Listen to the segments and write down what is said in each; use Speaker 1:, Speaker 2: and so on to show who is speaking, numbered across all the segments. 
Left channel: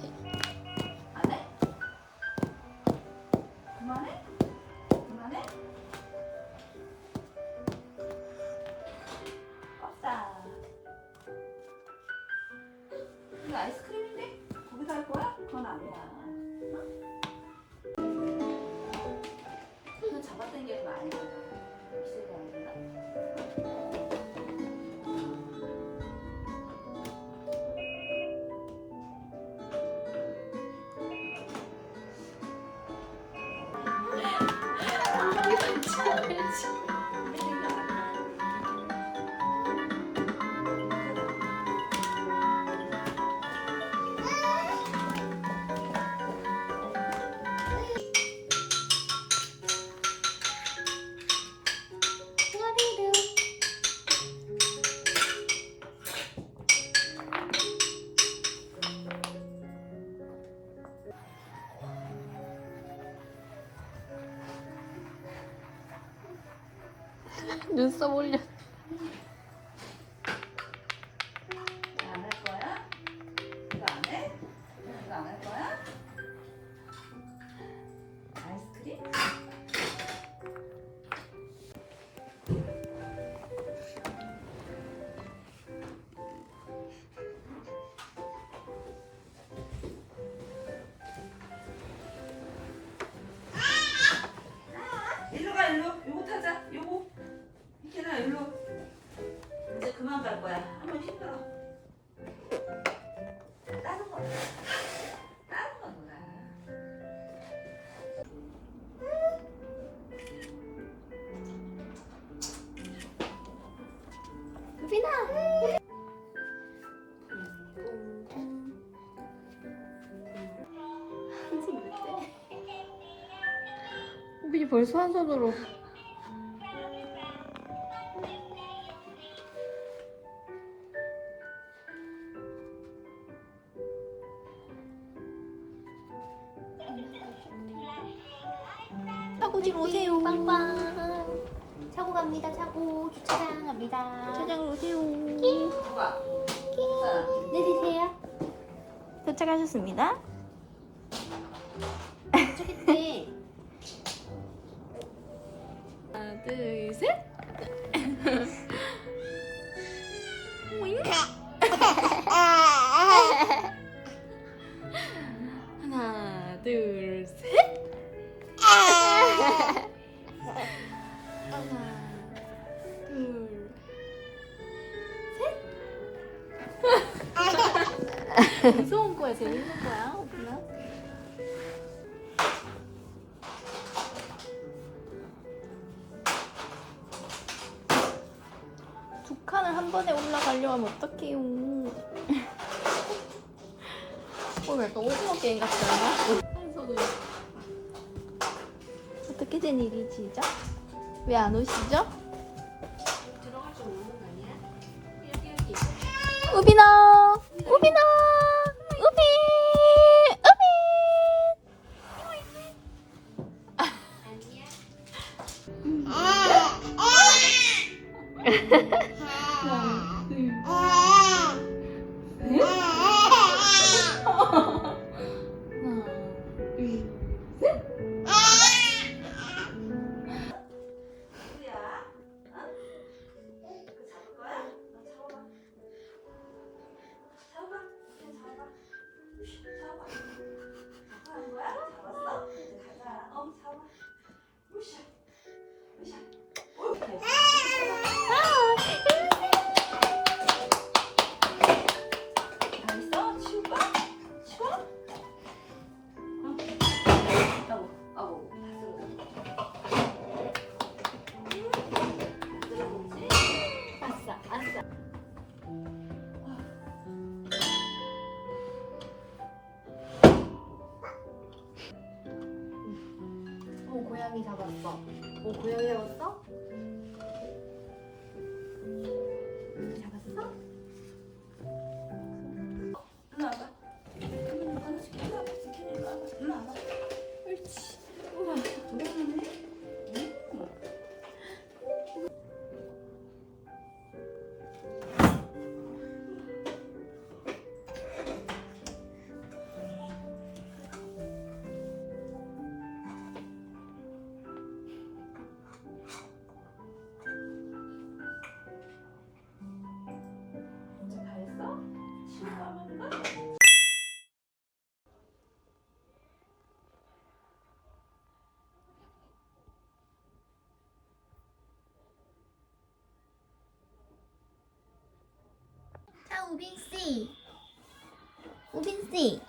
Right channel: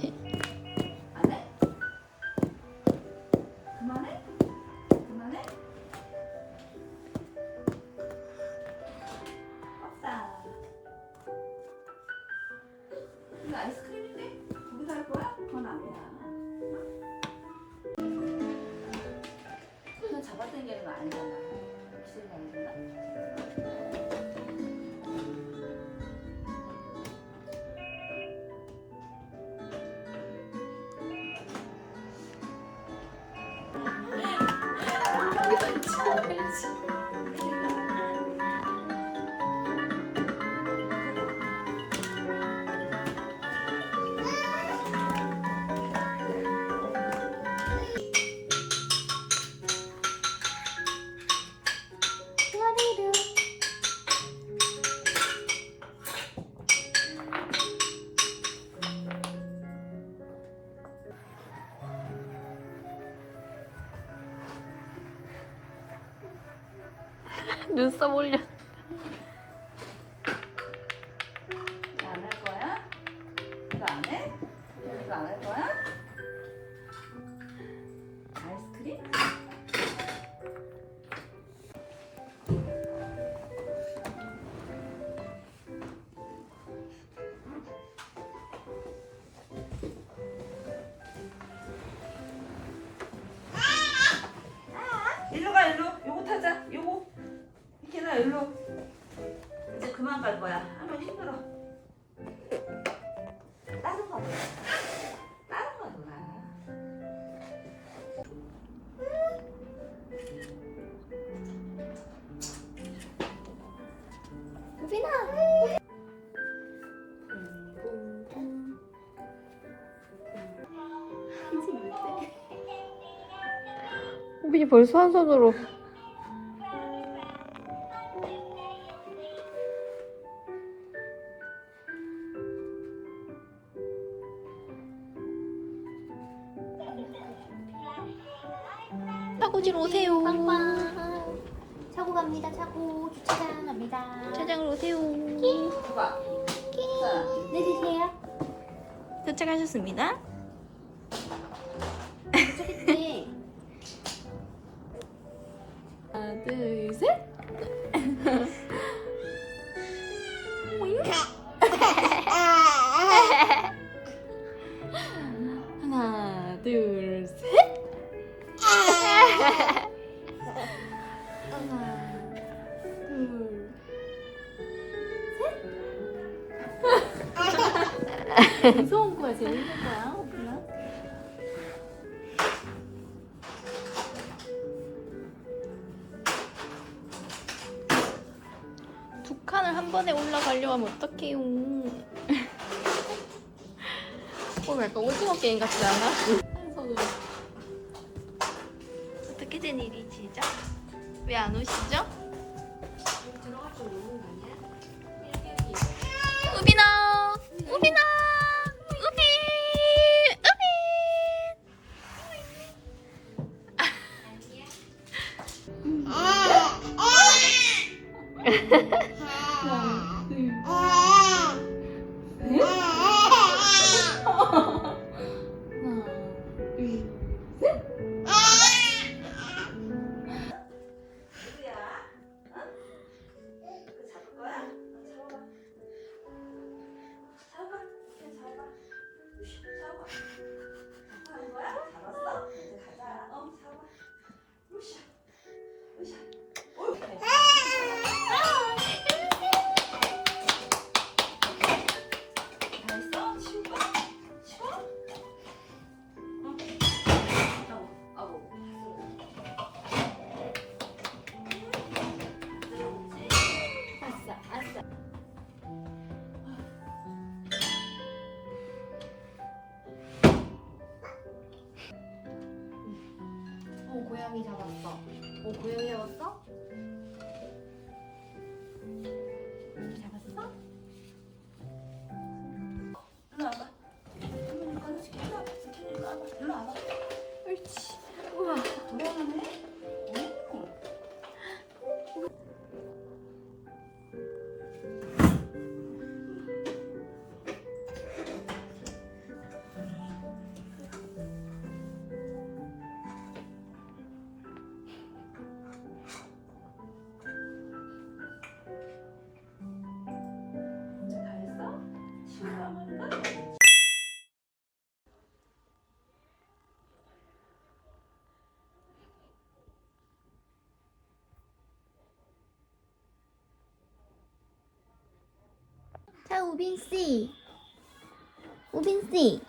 Speaker 1: 关。嗯。 눈썹 올려 벌써 한 손으로 차고지로 오세요.
Speaker 2: 빵빵. 차고 갑니다. 차고 주차장 갑니다.
Speaker 1: 차장으로 오세요.
Speaker 3: 끼. 끼.
Speaker 2: 내리세요.
Speaker 1: 도착하셨습니다. 하나, 둘, 셋. 하나, 둘, 셋. 무서운 거야, 재밌는 거야. 달려가면 어떡해요. 어, 약간 오징어 게임 같지 않아? 어떻게 된 일이지 진짜? 왜안 오시죠? 우빈아! 우빈아!
Speaker 2: 고양이. 어? 잡았어?
Speaker 4: 자, 우빈 씨. 우빈 씨.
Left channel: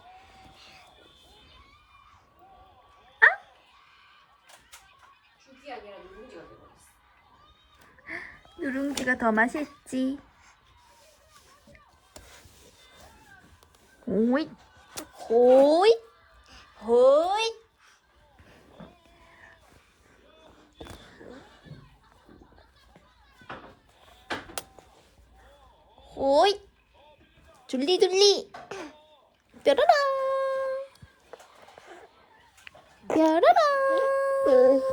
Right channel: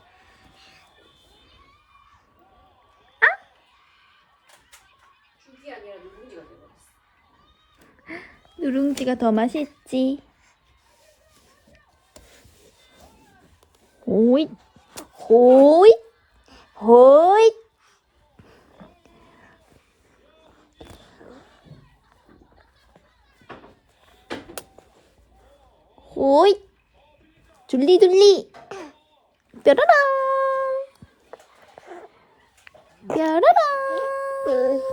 Speaker 2: 죽이 아니라 누룽지가 돼버렸어.
Speaker 4: 누룽지가 더 맛있지. 오잇. 오잇. 오잇. 오잇. 둘리 둘리. 뾰로롱. 뾰로롱.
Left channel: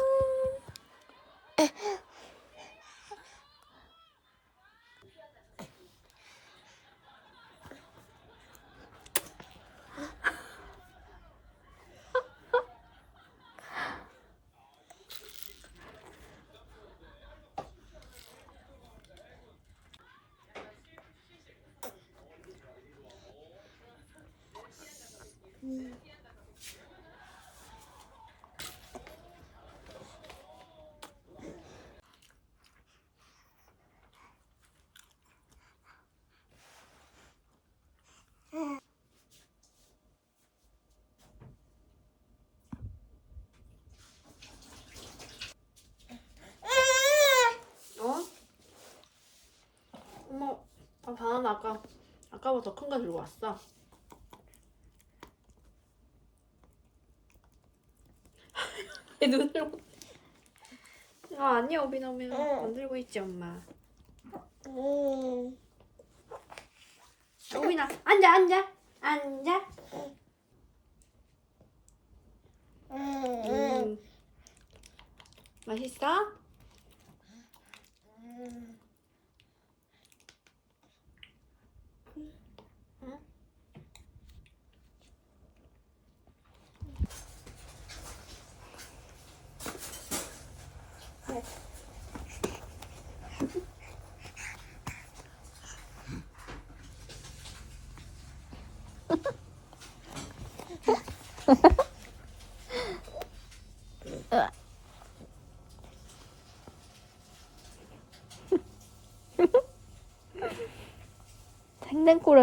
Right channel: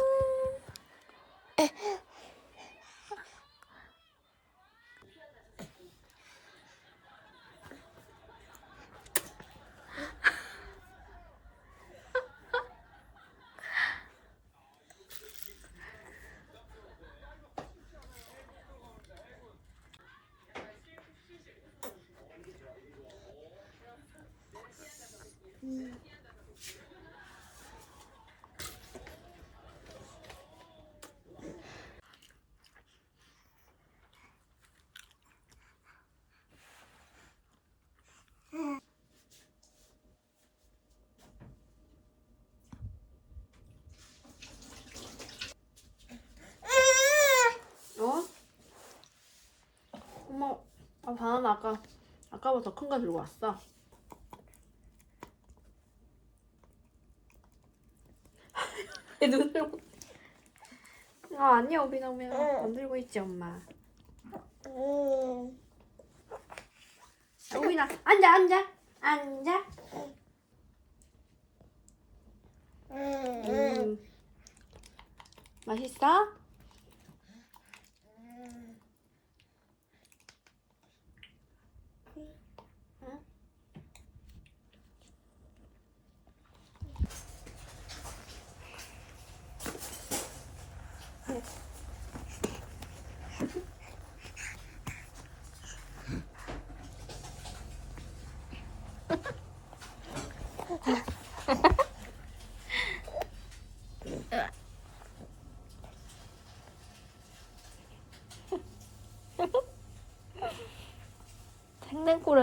Speaker 2: 어? 엄마, 아, 바나나 아까, 아까보다 더큰거 들고 왔어. 내 눈을 못. 아, 아니야, 오빈아, 오빈아. 안 들고 있지, 엄마. 오빈아, 앉아, 앉아. 앉아. 음. 맛있어?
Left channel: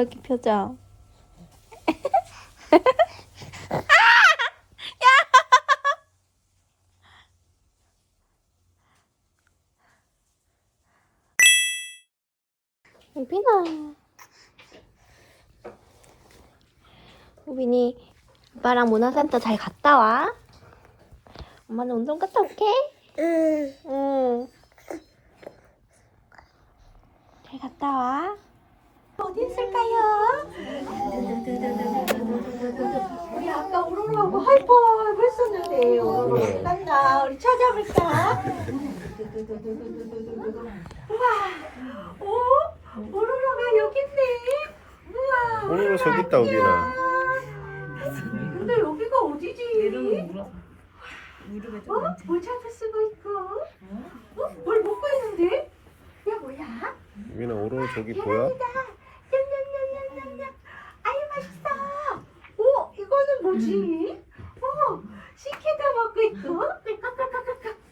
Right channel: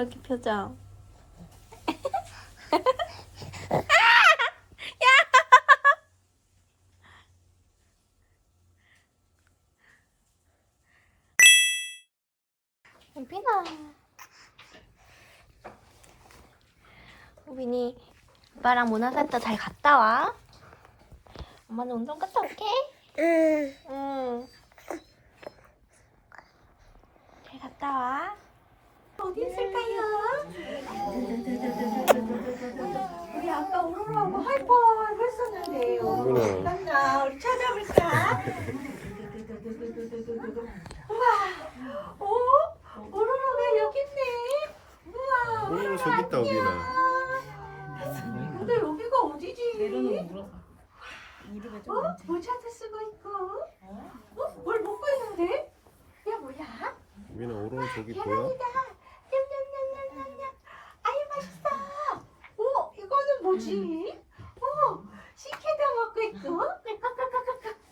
Speaker 4: 장난꾸러기 표정. 우빈아. 우빈이 오빠랑 문화센터 잘 갔다 와. 엄마는 운동 갔다 올게. 응. 응. 잘 갔다 와.
Speaker 3: 어디 있을까요? 우리 아까 오로라고 하이파이브 했었는데 오로라 어디 갔나? 우리 찾아볼까? 우와, 오, 오로라가 여기 있네. 우와.
Speaker 5: 오늘은 저기 있다 우빈아
Speaker 3: 근데 여기가 어디지? 어? 뭘 찾을 수가 있고? 어? 뭘 먹고 있는데? 얘 뭐야?
Speaker 5: 우빈아 오늘 저기 보여?
Speaker 3: 냠냠냠냠냠냠. 아유 맛있어. 오 이거는 뭐지? 어 식혜도 먹고 있고.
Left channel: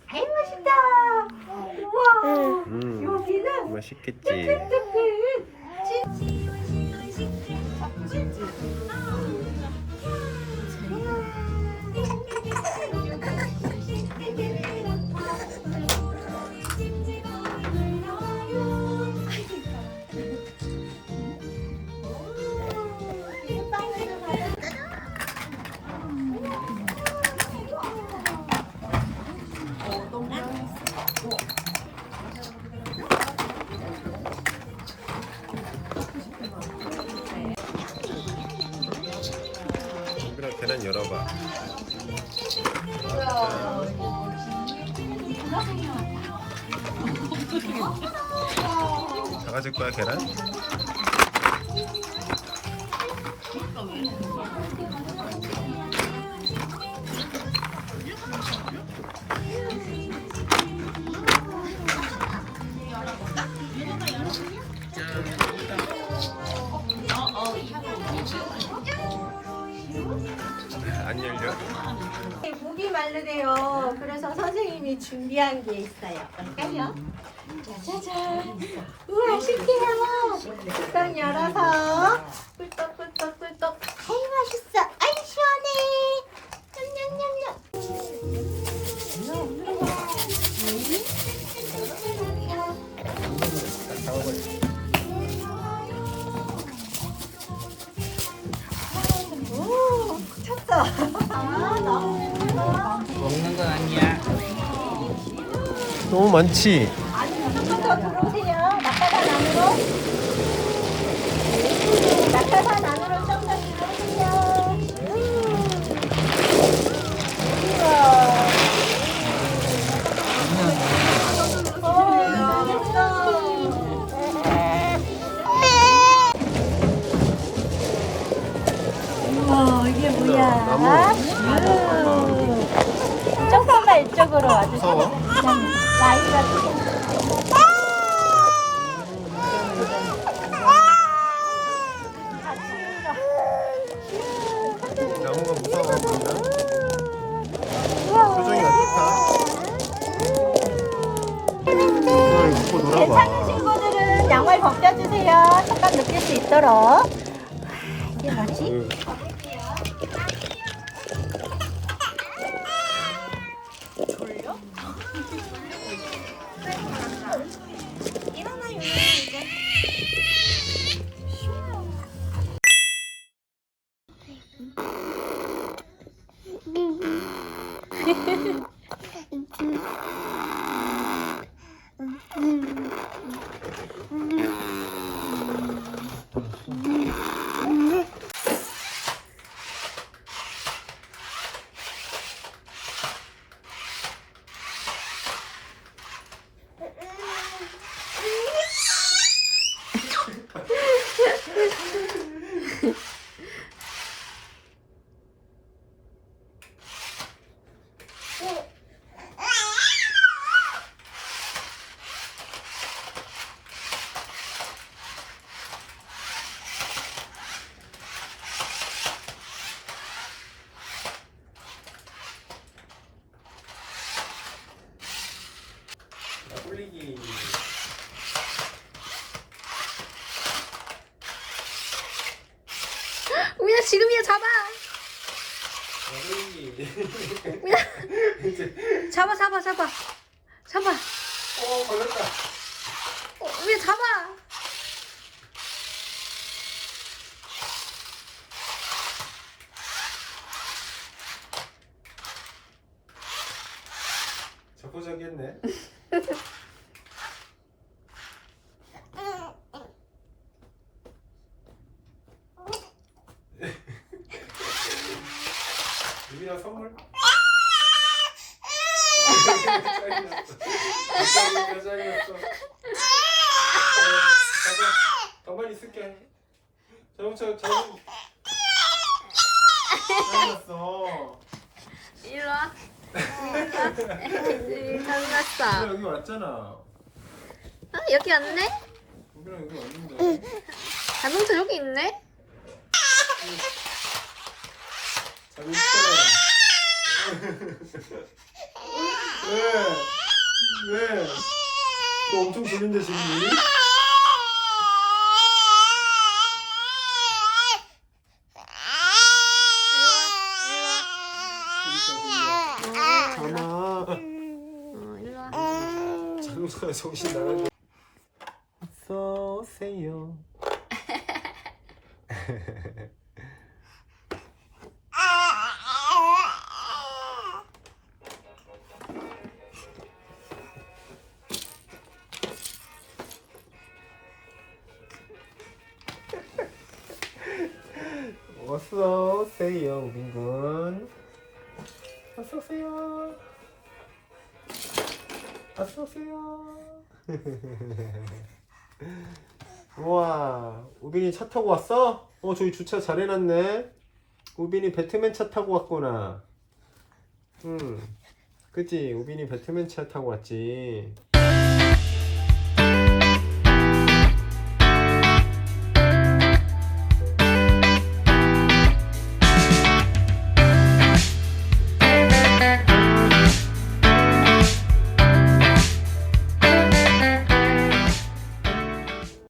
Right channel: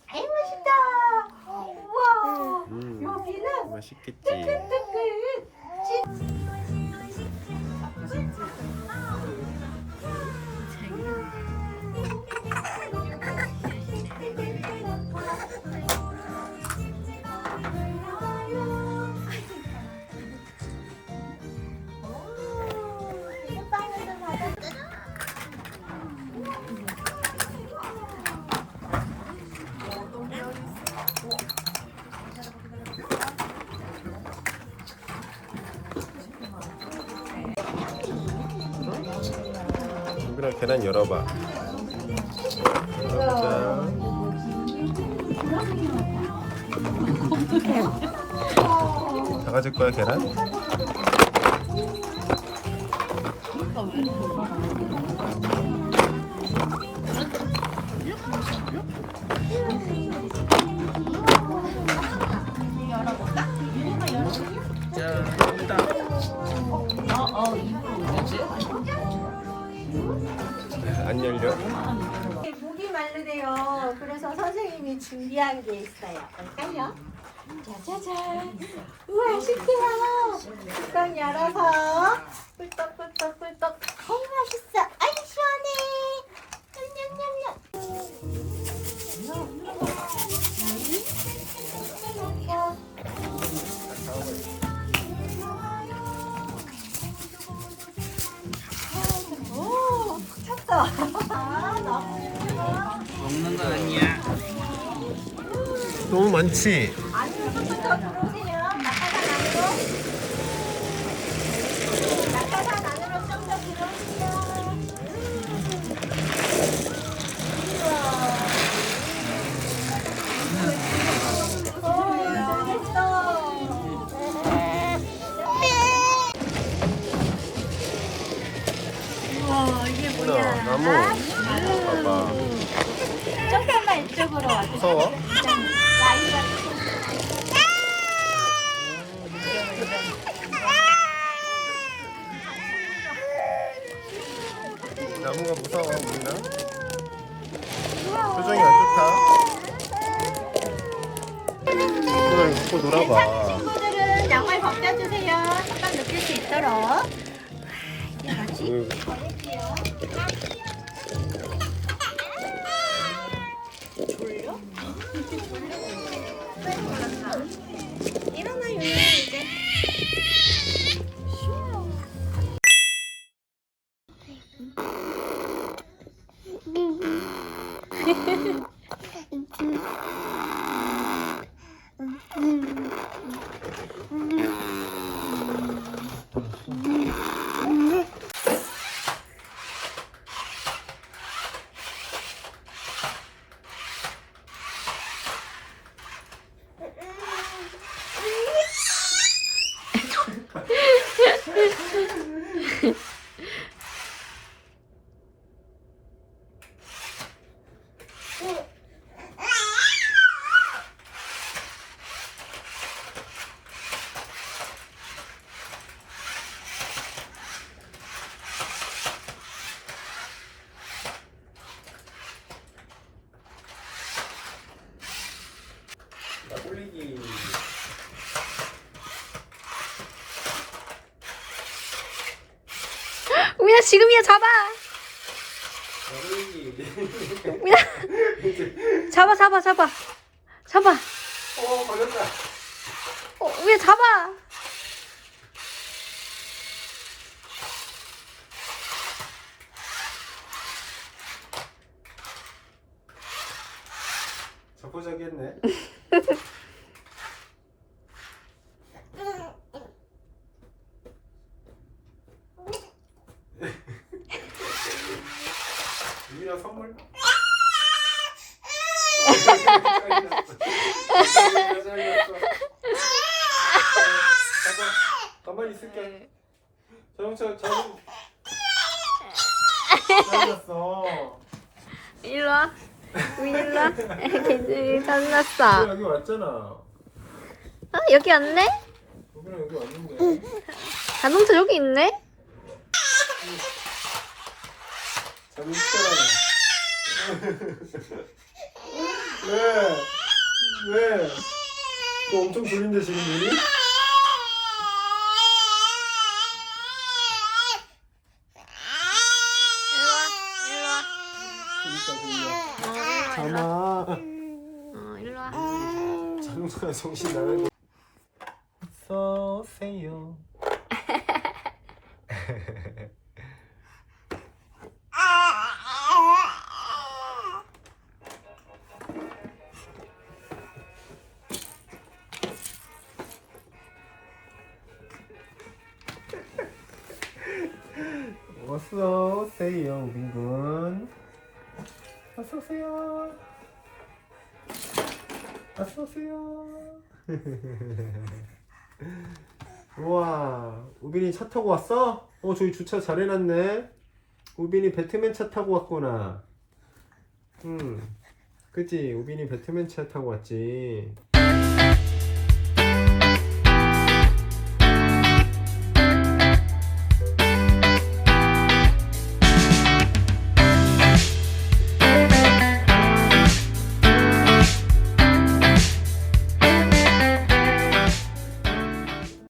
Speaker 3: 아유 맛있다. 우와.
Speaker 5: 음
Speaker 3: 여기는
Speaker 5: 맛있겠지
Speaker 3: 뜨끈뜨끈.
Speaker 5: 계란 열어봐. 자. 작아질 계란?
Speaker 3: 그래서 선생님이 준비한 게 있어요. 볼까요? 짜자잔. 우와, 신기해요. 뚜껑 열어서 꿀떡꿀떡꿀떡. 아이, 맛있어. 아이, 시원해. 냠냠냠냠. 오, 찼어. 아, 너무
Speaker 5: 너무 많지?
Speaker 3: 아니, 조금 더 들어오세요. 낙하산 안으로. 낙하산 안으로 좀 더 들어오세요. 우와. 오, 잘했어. 우와, 이게
Speaker 5: 누나 나무. 봐봐.
Speaker 3: 이쪽으로 와.
Speaker 5: 무서워? 나무가 무서워 보이나? 표정이 안 좋다. 이거 갖고 놀아봐.
Speaker 3: 친구들은 양말 벗겨주세요. 잠깐 느낄 수 있도록. 이게 뭐지?
Speaker 5: 응.
Speaker 3: 일어나 유나 이제.
Speaker 5: 홀리기.
Speaker 6: 우 야 지금이야 잡아. 우야 잡아 잡아 잡아 잡아.
Speaker 5: 어 걸렸다.
Speaker 6: 어, 우야 잡아.
Speaker 5: 자포자기했네. 유빈아 선물. 가만히 있을게. 자동차 자동. 잘렸어.
Speaker 6: 일로 와. 일로 와. 애기들 장났어.
Speaker 5: 여기 왔잖아.
Speaker 6: 어, 여기 왔네?
Speaker 5: 유빈아 여기 왔는데.
Speaker 6: 자동차 여기 있네?
Speaker 5: 있잖아. 왜? 왜? 너 엄청 졸린데 지금 눈이? 자나
Speaker 6: 어, 일로 와.
Speaker 5: 자동차에 정신 나가고 어서 오세요 어서 오세요. 우와, 우빈이 차 타고 왔어? 어, 저기 주차 잘 해놨네. 우빈이 배트맨 차 타고 왔구나. 응. 그치? 우빈이 배트맨 차 타고 왔지.